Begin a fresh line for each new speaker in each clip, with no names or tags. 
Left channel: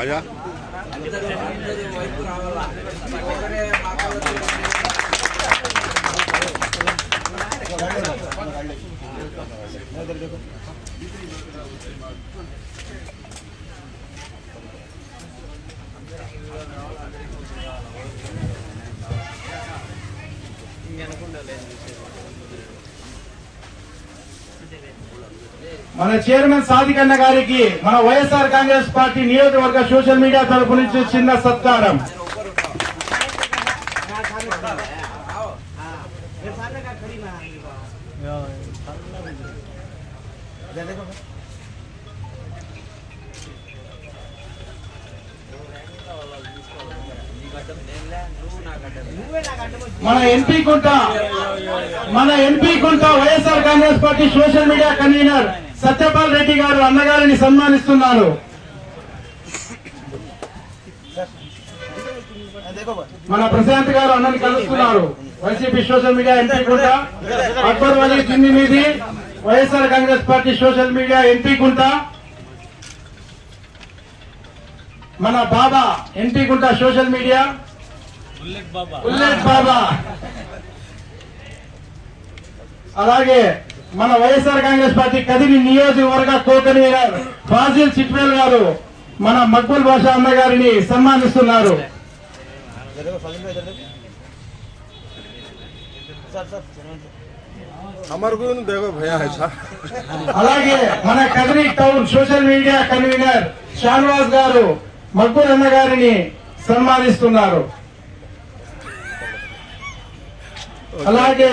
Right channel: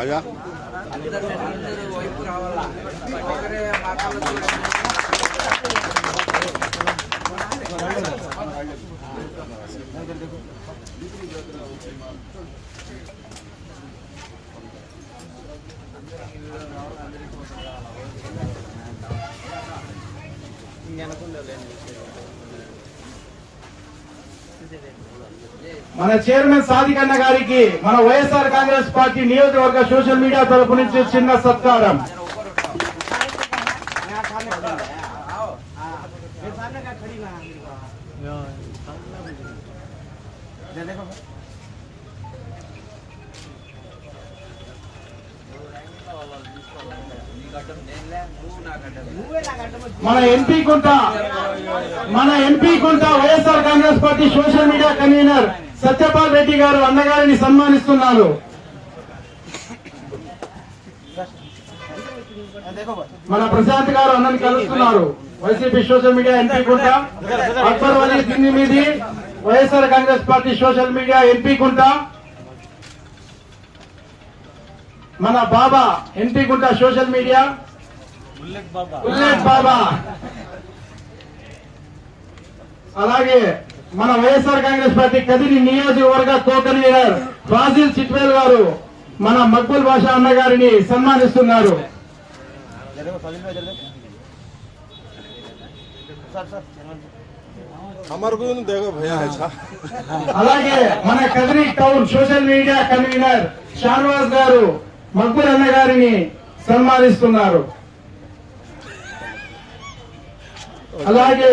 aja.
మన chairman సాదికన్న గారికి మన వైఎస్ఆర్ కాంగ్రెస్ పార్టీ నియోజకవర్గ సోషల్ మీడియా తరపు నుంచి చిన్న సత్కారం. మన ఎంపీ కుంట మన MP Kunta YSR Congress party social media convenor. Satyapal Reddy గారు అన్నగారిని సన్మానిస్తున్నారు. మన ప్రశాంత్ గారు అన్నని కలుస్తున్నారు. YCP social media MP Kunta Akbar Wali దిన్ని మీది YSR Congress party social media MP Kunta మన Baba MP Kunta social media Ullekh Baba. అలాగే మన వైఎస్ఆర్ కాంగ్రెస్ పార్టీ కదిరి నియోజకవర్గ తోకనీయర్ ఫాజిల్ చిట్వేల్ గారు మన మక్బుల్ బాషా అన్న గారిని సన్మానిస్తున్నారు. అలాగే మన Kadiri town social media convenor Shanwaz గారు మక్బుల్ అన్న గారిని సన్మానిస్తున్నారు. అలాగే.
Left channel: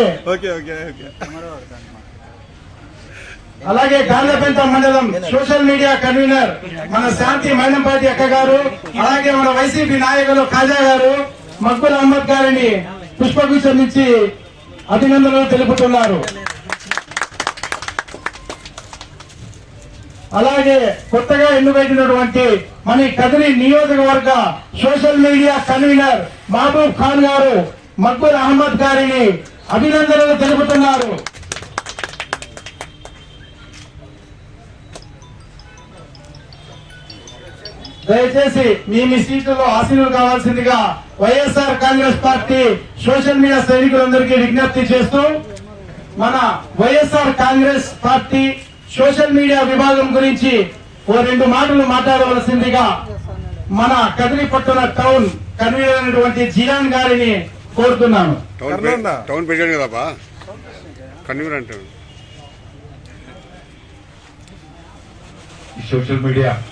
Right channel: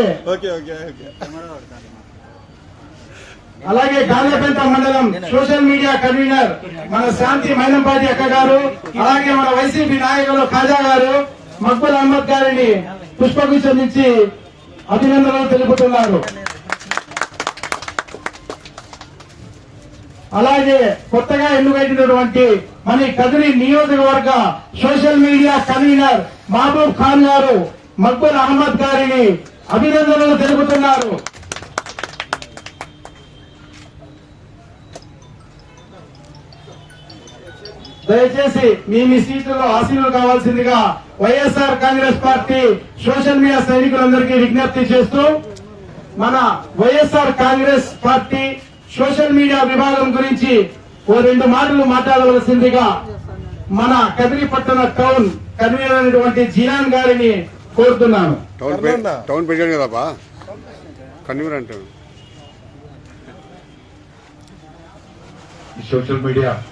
అలాగే గార్లపెంట మండలం సోషల్ మీడియా కన్వీనర్ మన శాంతి మైనంపాటి అక్క గారు అలాగే మన వైసీపీ నాయకులు ఖాజా గారు మక్బుల్ అహ్మద్ గారిని పుష్పగుచ్చం నుంచి అభినందనలు తెలుపుతున్నారు. అలాగే కొత్తగా ఎన్నుకైనటువంటి మన కదిరి నియోజకవర్గ social media convenor Mehboob Khan గారు మక్బుల్ అహ్మద్ గారిని అభినందనలు తెలుపుతున్నారు. దయచేసి మీ మీ సీట్లలో ఆశీనులు కావాల్సిందిగా YSR Congress party social media సైనికులందరికీ విజ్ఞప్తి చేస్తూ మన YSR Congress party social media విభాగం గురించి ఓ రెండు మాటలు మాట్లాడవలసిందిగా మన కదిరిపట్టణ టౌన్ కన్వీనర్ అయినటువంటి జియాన్ గారిని కోరుతున్నాను.
టౌన్ ప్రె- కన్వీనర్ అంటాడు.
ఈ సోషల్ మీడియా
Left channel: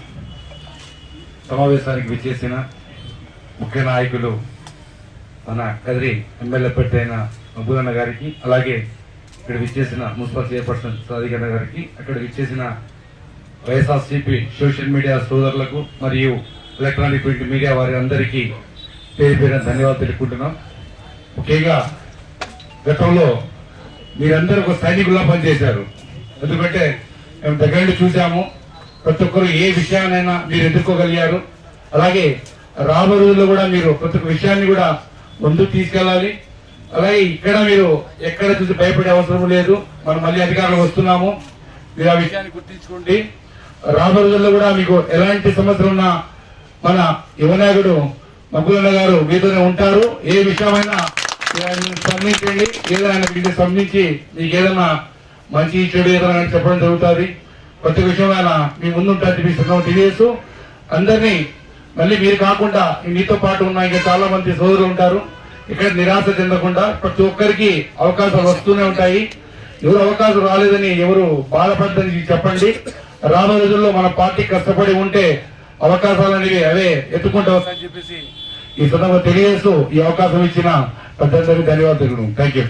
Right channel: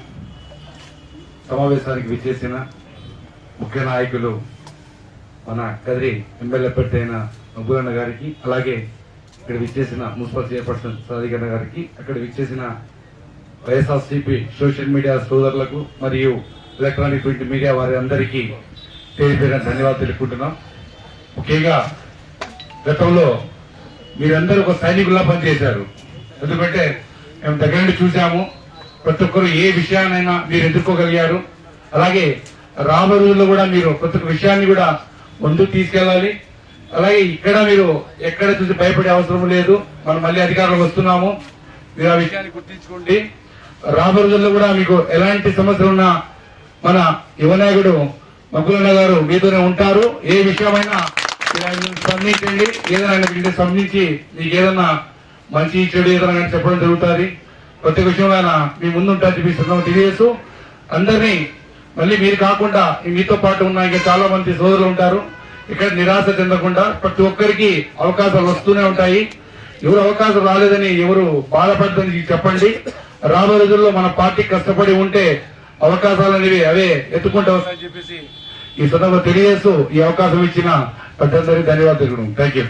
సమావేశానికి విచ్చేసిన ముఖ్య నాయకులు మన కదిరి ఎమ్మెల్యే పెట్టి అయిన మబ్బుగన్న గారికి అలాగే ఇక్కడ విచ్చేసిన మున్సిపల్ చైర్పర్సన్ సాధికన్న గారికి అక్కడ విచ్చేసిన వైఎస్ఆర్సీపీ సోషల్ మీడియా సోదరులకు మరియు ఎలక్ట్రానిక్ ప్రింట్ మీడియా వారి అందరికీ పేరు పేరున ధన్యవాదాలు తెలుపుకుంటున్నాం. ముఖ్యంగా గతంలో మీరందరూ ఒక సైనికుల్లా పనిచేశారు. ఎందుకంటే మేము దగ్గర నుండి చూసాము ప్రతి ఒక్కరు ఏ విషయాన్నైనా మీరు ఎదుర్కోగలిగారు. అలాగే రాబోయే రోజుల్లో కూడా మీరు ప్రతి ఒక్క విషయాన్ని కూడా ముందుకు తీసుకెళ్ళాలి. అలాగే ఇక్కడ మీరు ఎక్కడ చూసి భయపడే అవసరం లేదు. మనం మళ్ళీ అధికారులు వస్తున్నాము. మీరు ఆ విషయాన్ని గుర్తించుకోండి. రాబోయే రోజుల్లో కూడా మీకు ఎలాంటి సమస్యలు ఉన్నా మన యువనాయకుడు మగ్గులన్న గారు మీతోనే ఉంటారు. ఏ విషయమైనా స్పందించండి. ఏదైనా ఆయన మీకు స్పందించి మీకు ఏదైనా మంచి చెడు ఏదైనా చెప్పడం జరుగుతుంది. ప్రతి విషయం ఆయన మీ ముందుంటారు మీ సంఘం తెలియజేస్తూ అందరినీ మళ్ళీ మీరు కాకుండా మీతో పాటు ఉన్న ఇంకా చాలా మంది సోదరులు ఉంటారు. ఇక్కడ నిరాశ చెందకుండా ప్రతి ఒక్కరికి అవకాశాలు వస్తూనే ఉంటాయి. ఎవరు అవకాశం రాలేదని ఎవరు బాధపడదని చెప్పండి. రాబో రోజుల్లో మన పార్టీ కష్టపడి ఉంటే అవకాశాలు అనేవి అవే ఎత్తుకుంటూ వస్తాయని చెప్పేసి ఈ సందర్భంగా తెలియజేస్తూ ఈ అవకాశం ఇచ్చిన ప్రజలందరికీ ధన్యవాదాలు. Thank you